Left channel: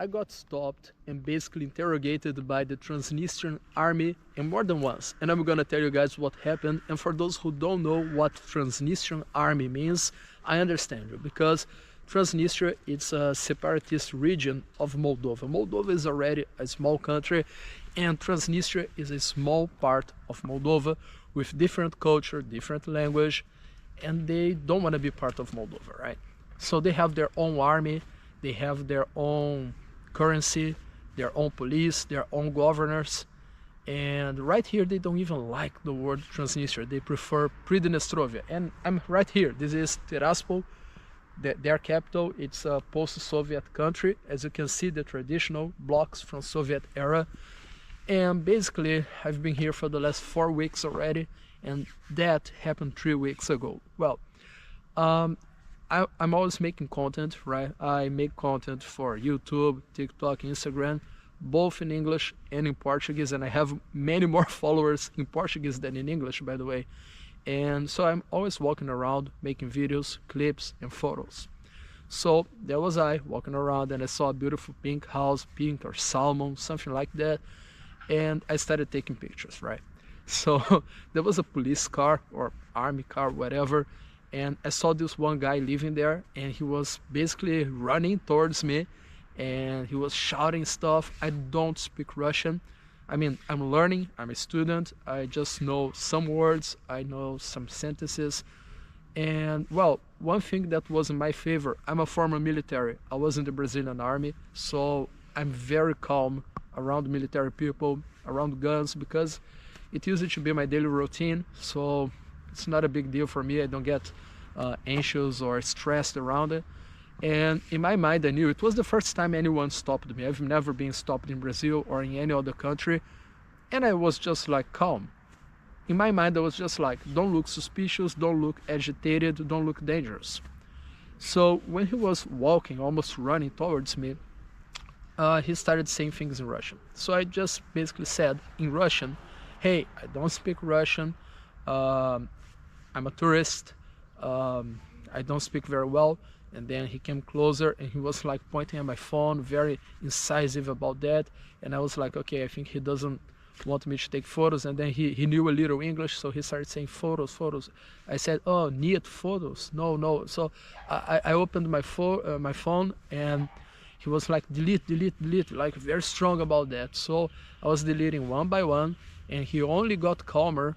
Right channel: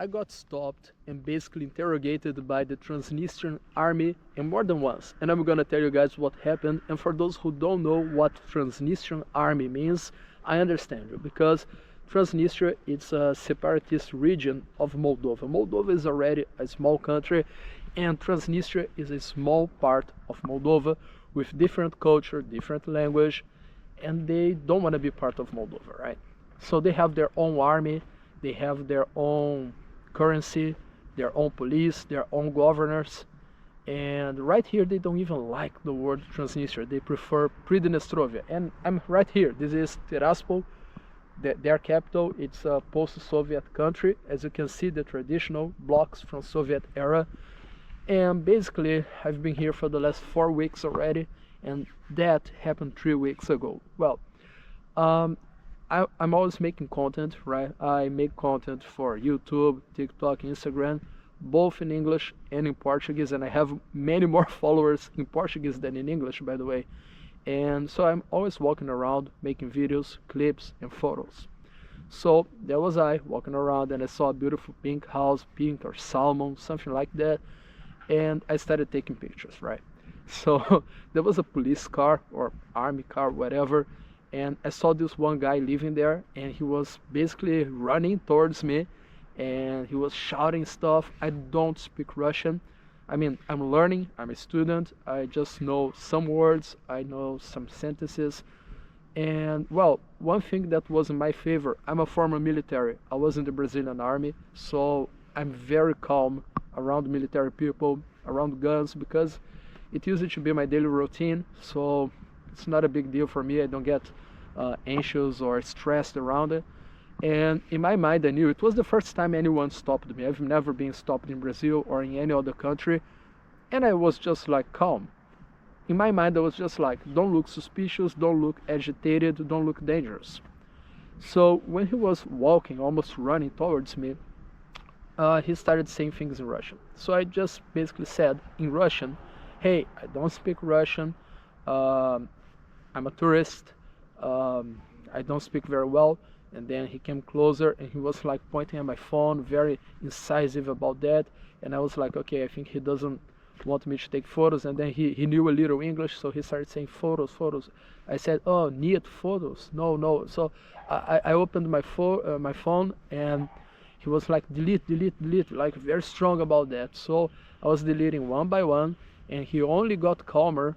I got stopped and basically interrogated by the Transnistrian Army, and more than once. And I'm gonna tell you guys what happened. And for those who don't know what Transnistrian Army means, I understand you, because Transnistria is a separatist region of Moldova. Moldova is already a small country, and Transnistria is a small part of Moldova with different culture, different language, and they don't want to be part of Moldova, right? So they have their own army, they have their own currency, their own police, their own governors, and right here they don't even like the word Transnistria. They prefer Pridnestrovia, and I'm right here. This is Tiraspol, their capital. It's a post-Soviet country. As you can see, the traditional blocks from Soviet era. And basically, I've been here for the last 4 weeks already, and that happened 3 weeks ago. Well, I'm always making content, right? I make content for YouTube, TikTok, Instagram, both in English and in Portuguese, and I have many more followers in Portuguese than in English, by the way. And so I'm always walking around, making videos, clips, and photos. So there was I walking around, and I saw a beautiful pink house, pink or salmon, something like that, and I started taking pictures, right? So there was a police car or army car, whatever, and I saw this one guy living there, and he was basically running towards me, and he was shouting stuff. I don't speak Russian. I mean, I'm learning, I'm a student, I just know some words, I know some sentences. And well, one thing that was in my favor, I'm a former military. I was in the Brazilian Army, so I'm very calm around military people, around guns, because it used to be my daily routine, so it's not a big deal for me. I don't get anxious or stressed around it. And in my mind, I knew it was the first time anyone stopped me. I've never been stopped in Brazil or in any other country, and I was just like calm. In my mind, I was just like, don't look suspicious, don't look agitated, don't look dangerous. So when he was walking, almost running towards me, he started saying things in Russian. So I just basically said in Russian, hey, I don't speak Russian, I'm a tourist, I don't speak very well. And then he came closer and he was like pointing at my phone, very incisive about that. And I was like, okay, I think he doesn't want me to take photos. And then he knew a little English, so he started saying photos, photos. I said, oh, need photos? No. So I opened my phone, and he was like, delete, delete, delete, like very strong about that. So I was deleting one by one, and he only got calmer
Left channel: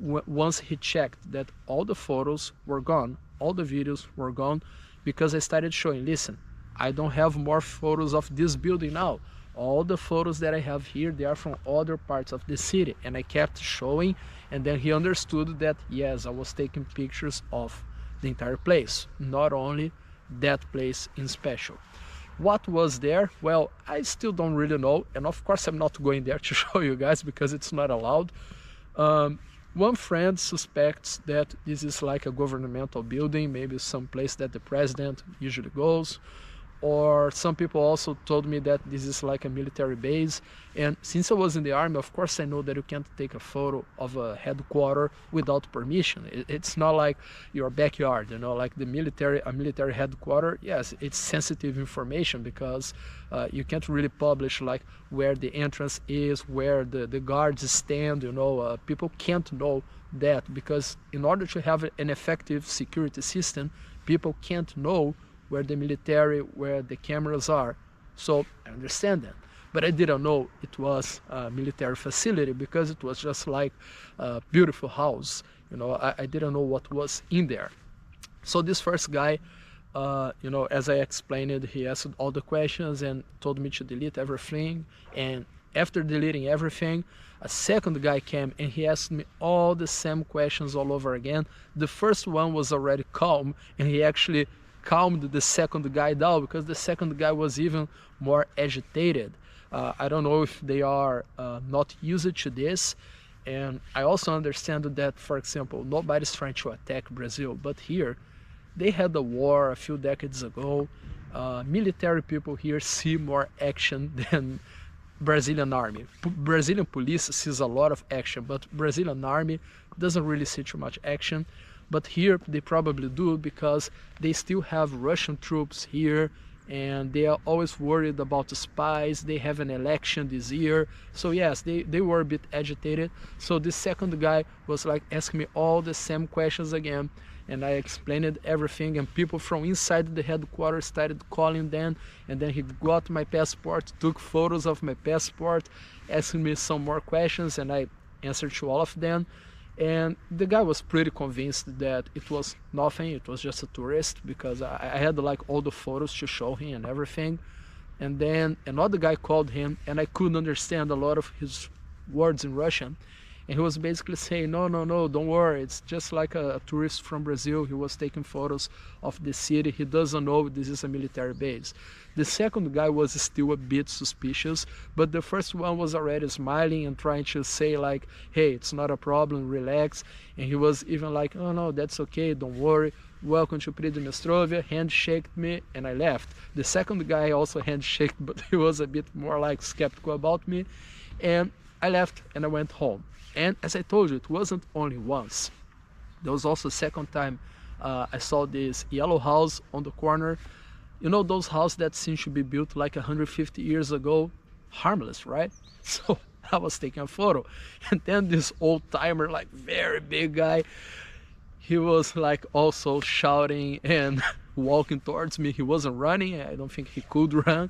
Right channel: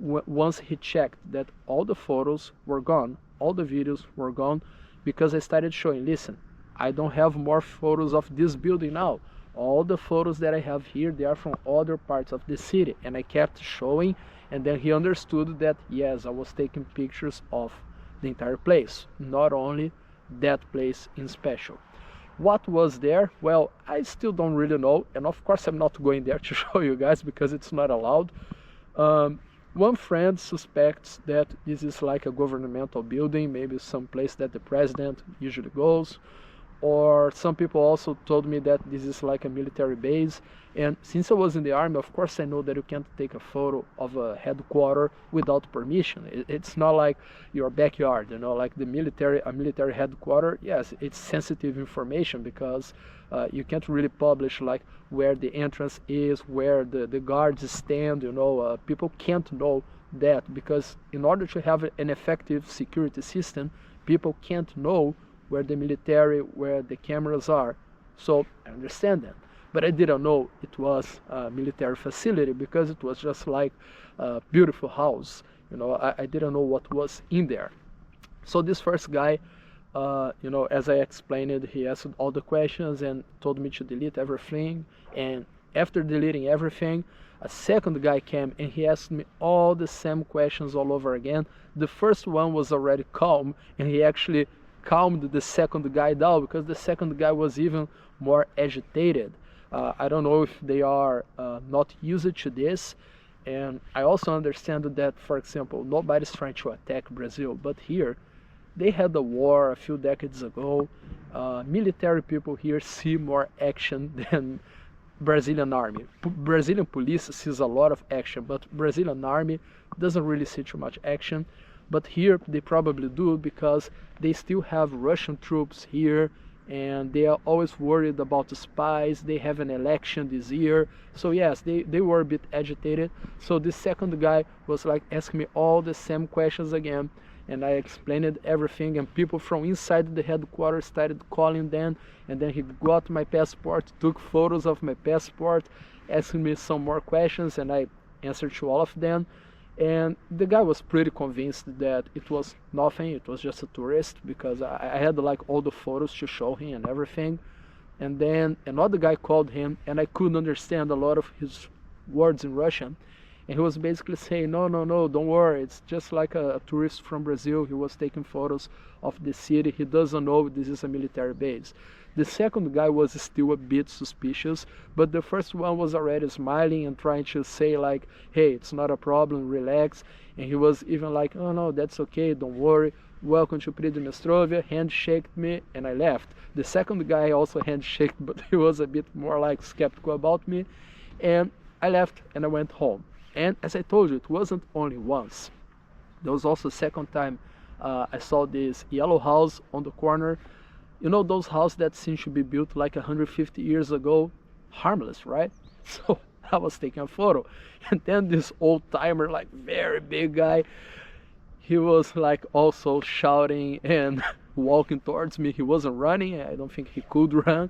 once he checked that all the photos were gone, all the videos were gone, because I started showing, listen, I don't have more photos of this building now. All the photos that I have here, they are from other parts of the city. And I kept showing, and then he understood that, yes, I was taking pictures of the entire place, not only that place in special. What was there? Well, I still don't really know, and of course I'm not going there to show you guys because it's not allowed. One friend suspects that this is like a governmental building, maybe some place that the president usually goes, or some people also told me that this is like a military base. And since I was in the army, of course I know that you can't take a photo of a headquarters without permission. It's not like your backyard, you know, like a military headquarters. Yes, it's sensitive information because you can't really publish like where the entrance is, where the guards stand, you know. People can't know that because in order to have an effective security system, people can't know where the military, where the cameras are. So I understand that. But I didn't know it was a military facility because it was just like a beautiful house. You know, I didn't know what was in there. So this first guy, you know, as I explained it, he asked all the questions and told me to delete everything. And after deleting everything, a second guy came and he asked me all the same questions all over again. The first one was already calm, and he actually calmed the second guy down because the second guy was even more agitated. I don't know if they are not used to this. And I also understand that, for example, nobody's trying to attack Brazil, but here they had a war a few decades ago. Military people here see more action than Brazilian army. Brazilian police sees a lot of action, but Brazilian army doesn't really see too much action. But here they probably do because they still have Russian troops here, and they are always worried about the spies. They have an election this year, so yes, they were a bit agitated. So this second guy was like asking me all the same questions again, and I explained everything, and people from inside the headquarters started calling them, and then he got my passport, took photos of my passport, asking me some more questions, and I answered to all of them. And the guy was pretty convinced that it was nothing, it was just a tourist, because I had like all the photos to show him and everything. And then another guy called him, and I couldn't understand a lot of his words in Russian, and he was basically saying, no, no, no, don't worry, it's just like a tourist from Brazil. He was taking photos of the city, he doesn't know this is a military base. The second guy was still a bit suspicious, but the first one was already smiling and trying to say like, hey, it's not a problem, relax. And he was even like, oh no, that's okay, don't worry, welcome to Transnistria, handshaked me, and I left. The second guy also handshaked, but he was a bit more like skeptical about me, and I left and I went home. And as I told you, it wasn't only once. There was also a second time I saw this yellow house on the corner. You know those houses that seem to be built like 150 years ago? Harmless, right? So I was taking a photo. And then this old timer, like very big guy, he was like also shouting and walking towards me. He wasn't running, I don't think he could run.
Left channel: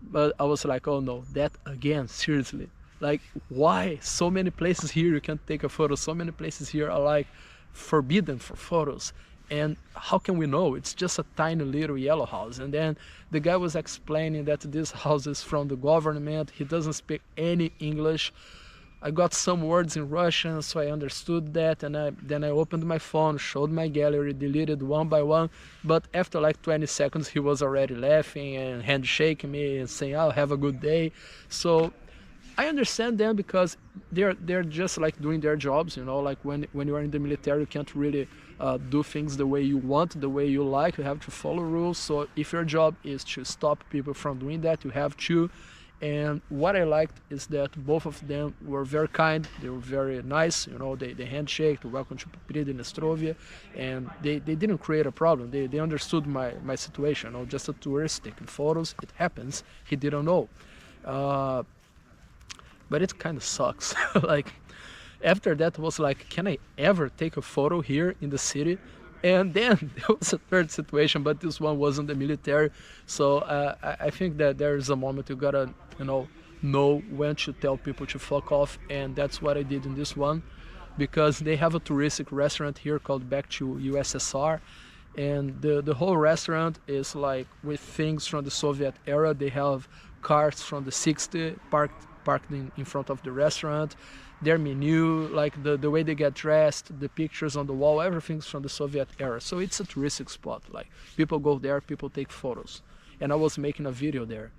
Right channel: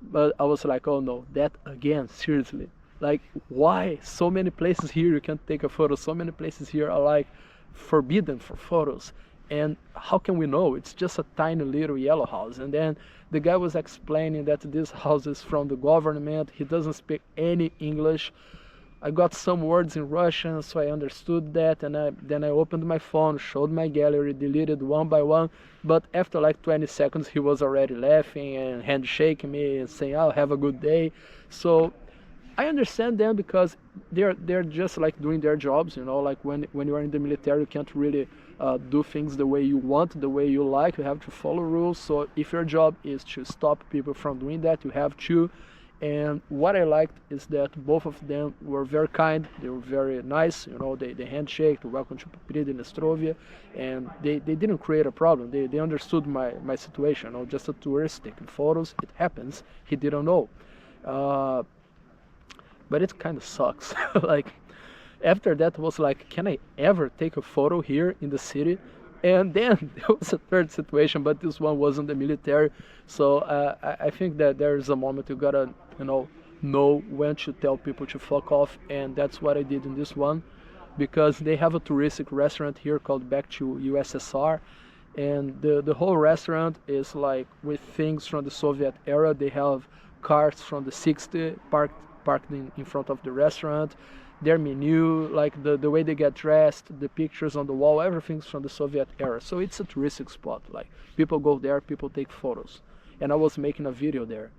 But I was like, oh no, that again, seriously. Like, why so many places here you can't take a photo? So many places here are like forbidden for photos. And how can we know? It's just a tiny little yellow house. And then the guy was explaining that this house is from the government. He doesn't speak any English. I got some words in Russian, so I understood that. And then I opened my phone, showed my gallery, deleted one by one. But after like 20 seconds, he was already laughing and handshaking me and saying, oh, have a good day. So I understand them, because they're just like doing their jobs, you know, like when you are in the military, you can't really do things the way you want, the way you like. You have to follow rules. So if your job is to stop people from doing that, you have to. And what I liked is that both of them were very kind. They were very nice, you know, they handshake, welcome to Transnistria, and they didn't create a problem. They understood my situation, you know, just a tourist taking photos. It happens. He didn't know. But it kind of sucks. Like, after that was like, can I ever take a photo here in the city? And then there was a third situation, but this one wasn't the military. So I think that there is a moment you gotta, you know when to tell people to fuck off, and that's what I did in this one, because they have a touristic restaurant here called Back to USSR, and the whole restaurant is like with things from the Soviet era. They have cars from the 60s parked in front of the restaurant. Their menu, like the way they get dressed, the pictures on the wall, everything's from the Soviet era. So it's a touristic spot. Like, people go there, people take photos. And I was making a video there.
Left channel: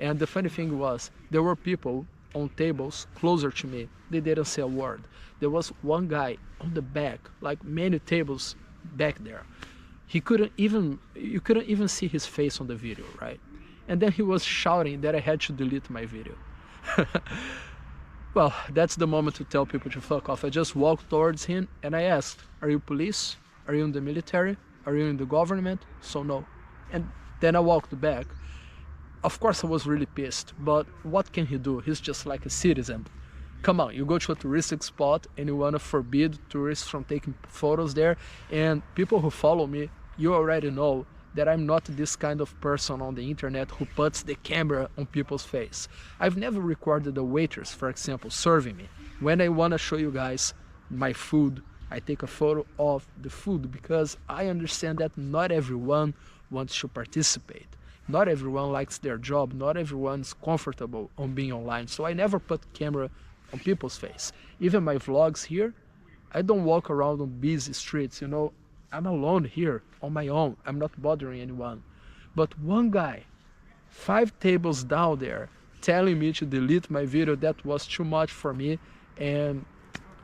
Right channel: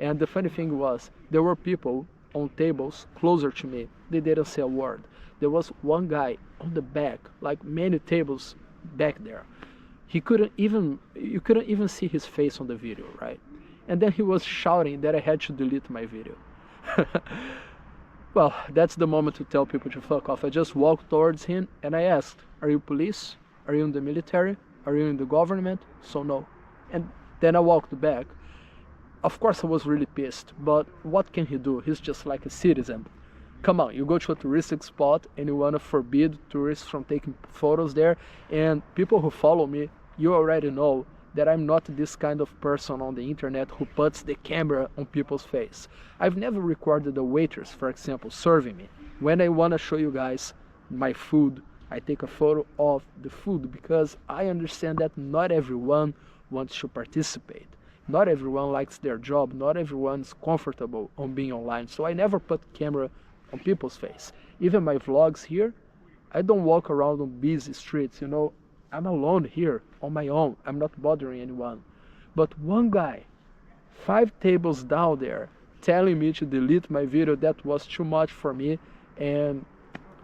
And the funny thing was, there were people on tables closer to me. They didn't say a word. There was one guy on the back, like many tables back there. You couldn't even see his face on the video, right? And then he was shouting that I had to delete my video. Well, that's the moment to tell people to fuck off. I just walked towards him and I asked, are you police? Are you in the military? Are you in the government? So no. And then I walked back. Of course I was really pissed, but what can he do? He's just like a citizen. Come on, you go to a touristic spot and you want to forbid tourists from taking photos there, and people who follow me, you already know that I'm not this kind of person on the internet who puts the camera on people's face. I've never recorded a waitress, for example, serving me. When I want to show you guys my food, I take a photo of the food, because I understand that not everyone wants to participate. Not everyone likes their job. Not everyone's comfortable on being online. So I never put camera on people's face. Even my vlogs here, I don't walk around on busy streets, you know. I'm alone here on my own. I'm not bothering anyone. But one guy, 5 tables down there, telling me to delete my video, that was too much for me. And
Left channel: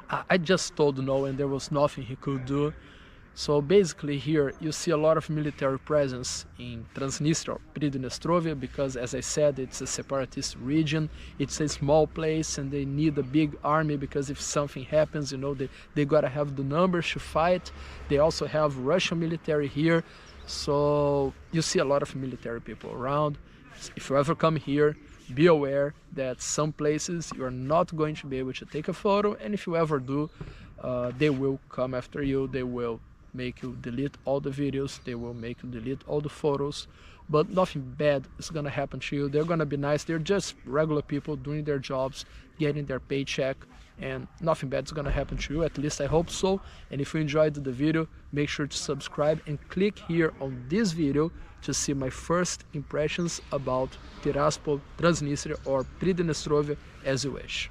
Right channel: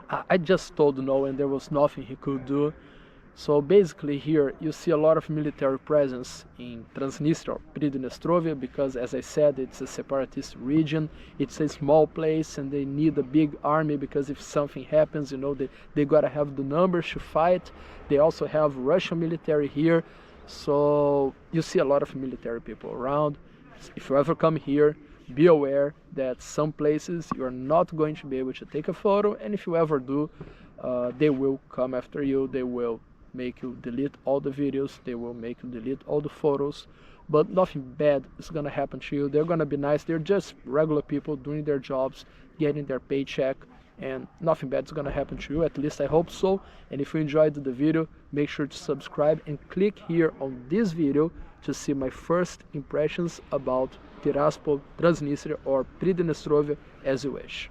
I just told no, and there was nothing he could do. So basically here you see a lot of military presence in Transnistria, Transnistria, because as I said, it's a separatist region. It's a small place and they need a big army, because if something happens, you know, they gotta have the numbers to fight. They also have Russian military here. So you see a lot of military people around. If you ever come here, be aware that some places you're not going to be able to take a photo, and if you ever do, they will come after you. They will make you delete all the videos, they will make you delete all the photos, but nothing bad is gonna happen to you. They're gonna be nice. They're just regular people doing their jobs, getting their paycheck, and nothing bad is gonna happen to you. At least I hope so. And if you enjoyed the video, make sure to subscribe and click here on this video to see my first impressions about Tiraspol, Transnistria, or Pridnestrovia, as you wish.